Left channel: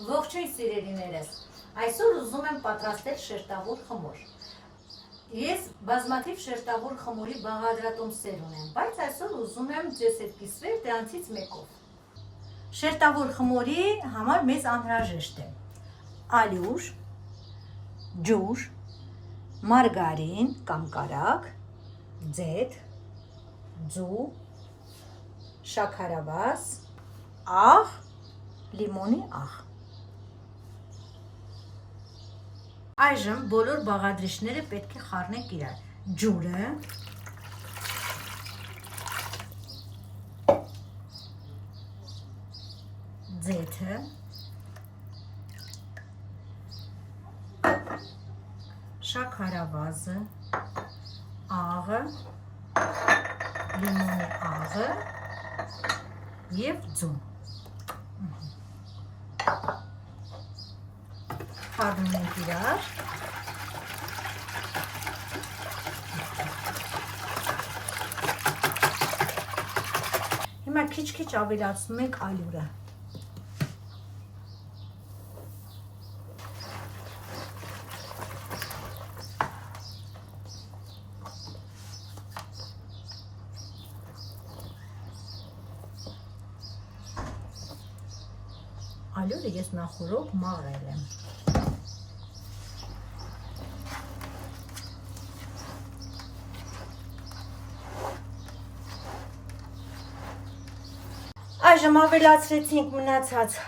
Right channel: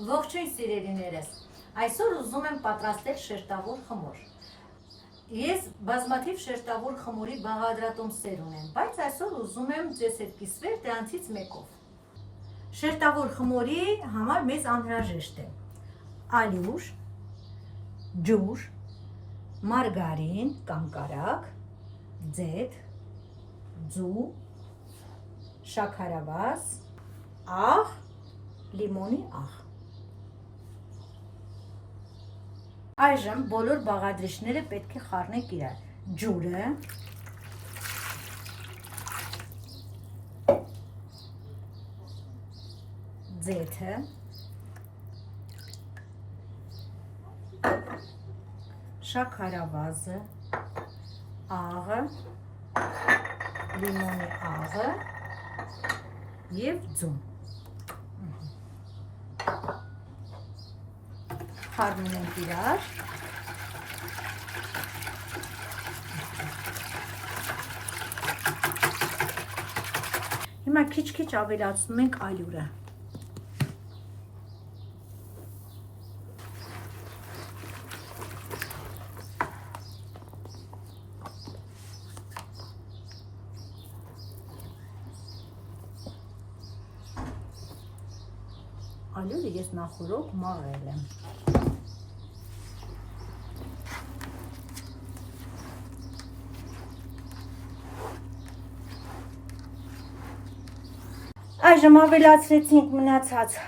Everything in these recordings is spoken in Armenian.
Ողջույն սիրելիներս, այսօր ուզում եմ պատրաստել շերտավոր խմոր։ Ես բազմաթիվ շերտավոր խմորի բաղադրատոմսեր ունեմ, բայց այսօր ուզում եմ ձեզ հետ կիսվել դրանցից մեկով։ Շերտավոր խմորի համար մեզ անհրաժեշտ է ալյուր, ջուր, մարգարին կամ կարագ, ձեթ, ձու, շաքարավազ, աղ, լիմոնի աղ։ Այժմ բոլոր բաղադրիչները պետք է խառնենք իրար։ Ջուրը, ձեթը, շաքարավազը, աղը, լիմոնի աղը և ձուն։ Խառնում ենք իրար։ Հիմա քիչ-քիչ ավելացնում ենք ալյուրը։ Ալյուրը ես նախորդ մաղել եմ։ Այժմ ավելացրեցինք մնացած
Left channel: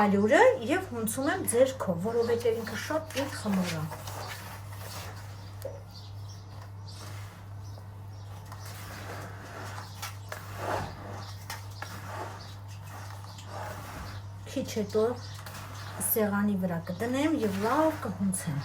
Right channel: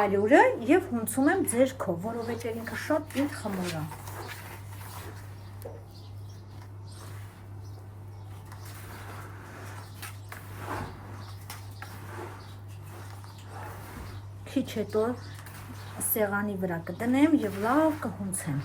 ալյուրը և հունցում եմ ձեռքով, որովհետև ինքը շատ պինդ խմոր է։ Քիչ հետո սեղանի վրա կդնեմ և լավ կհունցեմ։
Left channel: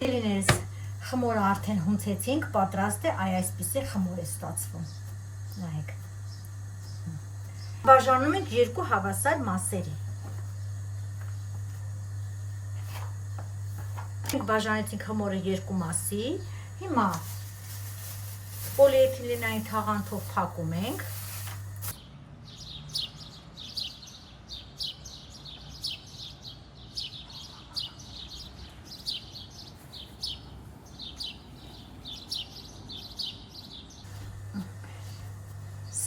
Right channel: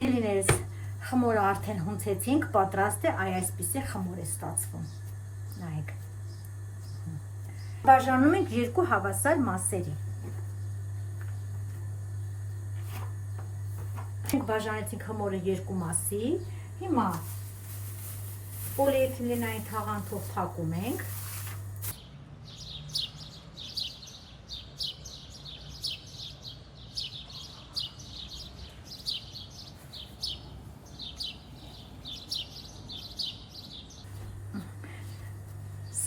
Սիրելիներս, խմորը արդեն հունցեցինք, պատրաստ է, այսպիսի խմոր է ստացվում։ Նայեք։ Բաժանում ենք երկու հավասար մասերի։ Բաժանեցինք խմորը երկու մասի։ Հիմա պոլիէթիլենային թաղանթով փակում ենք։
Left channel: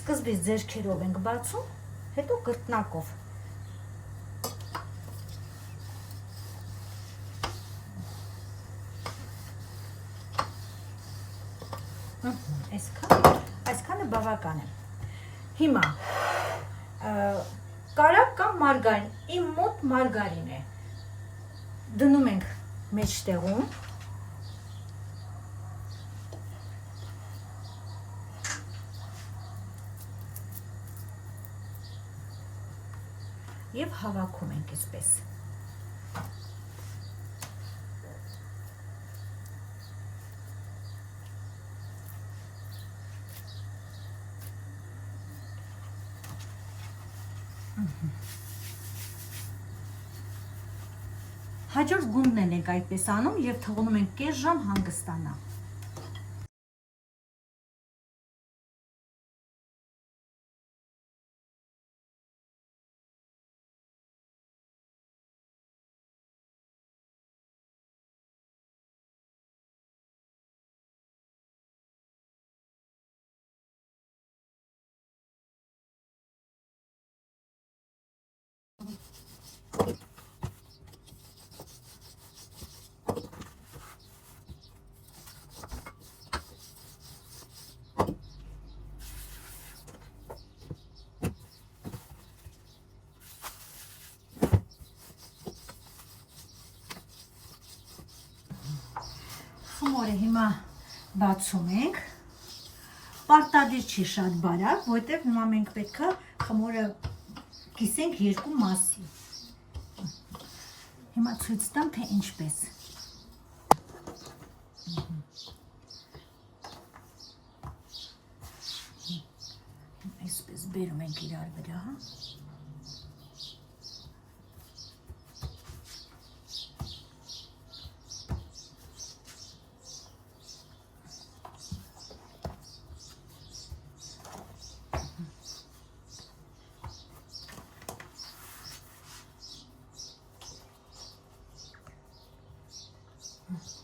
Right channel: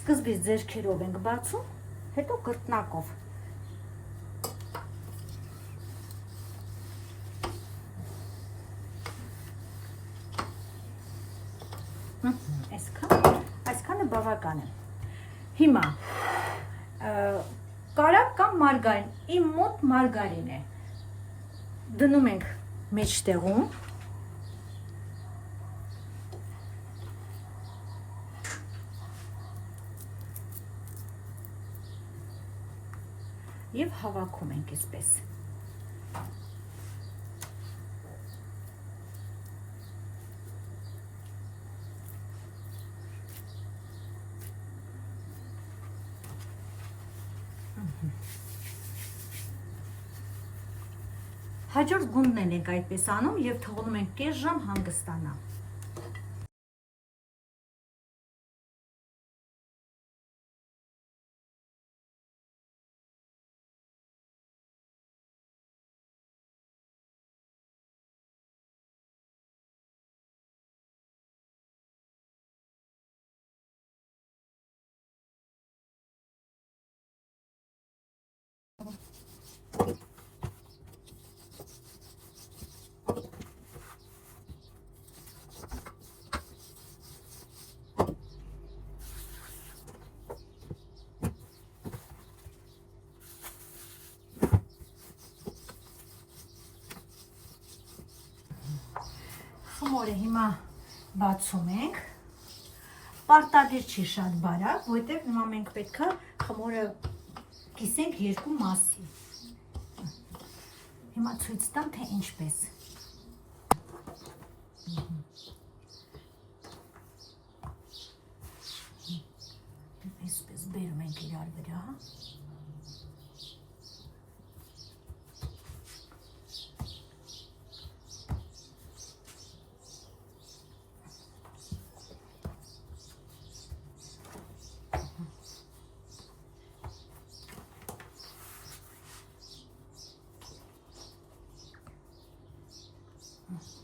Սկզբից ձեռքերով ենք բացում, հետո կրտնակով։ Այսքանը բավական է։ Հիմա կարագ կամ մարգարին, իմ մոտ մարգարին է։ Դնում ենք մեջտեղում։ Եվ հավաքում ենք այսպես։ Հաջորդ գունդն ենք այդպես անում և թողնում ենք կես ժամ հանգստանա։ Խմորը հիմա բացում ենք, պարտադիր չի շատ բարակ, որտեղ հիմա մենք պետք է խմորը կիսենք երկու մասի։ Հիմա ցույց տամ, թե ինչպես։ բերում ենք իրար վրա։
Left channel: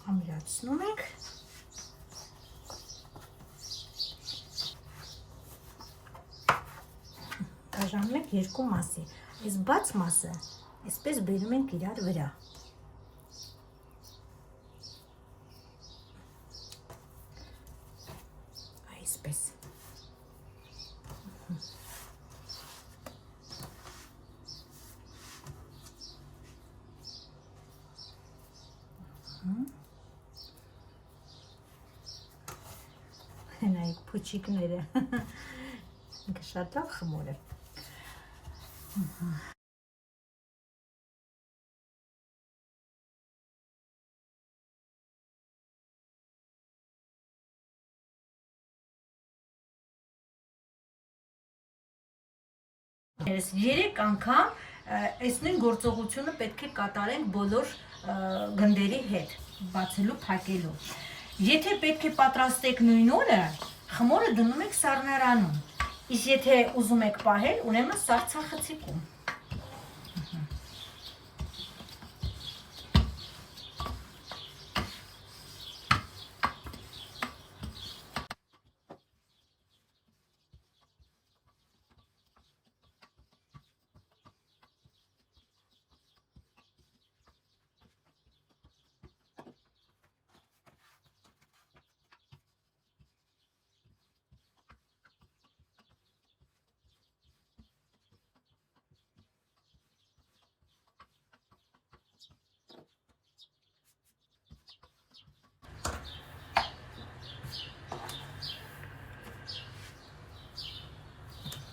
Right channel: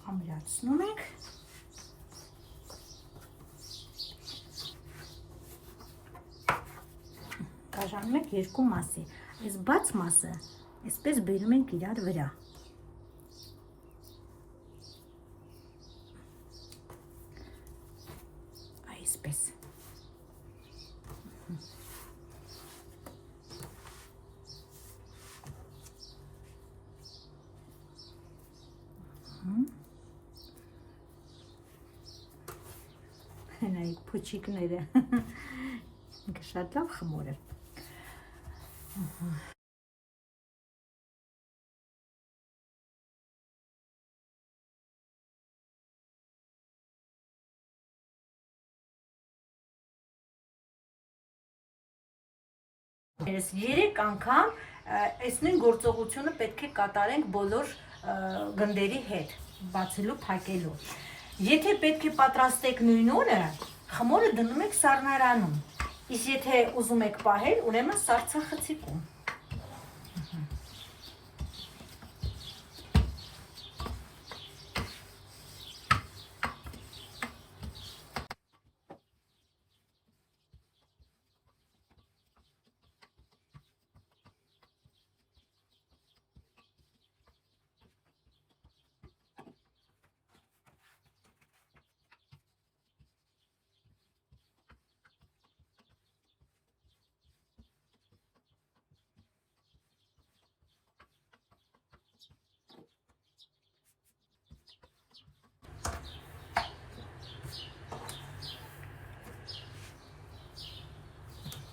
Ամրացնում ենք։ Բաժանում ենք երկու մասի։ Այս բաց մասը այսպես բերում ենք իրար վրա։ Այսպես։ Նայեք փուչիկները։ Շատ լավ խմոր է։ Երեք անգամ այս նույն գործողությունը պետք է կատարենք բոլոր գնդերի հետ, բացելու, փակելու։ Եթե պետք է պատրաստեք նույն օրը, խմորը դնում եք սառնարանում, իսկ եթե ուզում եք պահել, ուրեմն սառցախցիկում։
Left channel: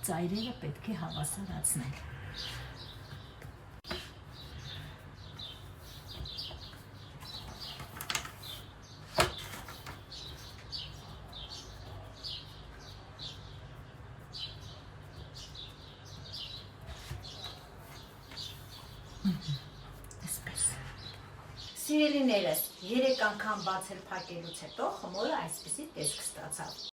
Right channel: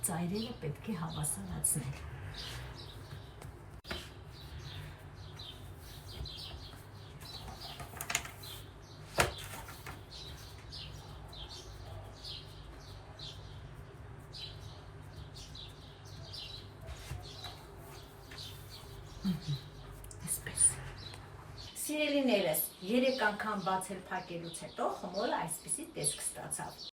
Ծայրերը պետք է հավասարացնել։ Այսպես։ Սիրելիներս, 3 անգամ բացել փակելուց հետո խմորը այսպիսի տեսք ստացավ։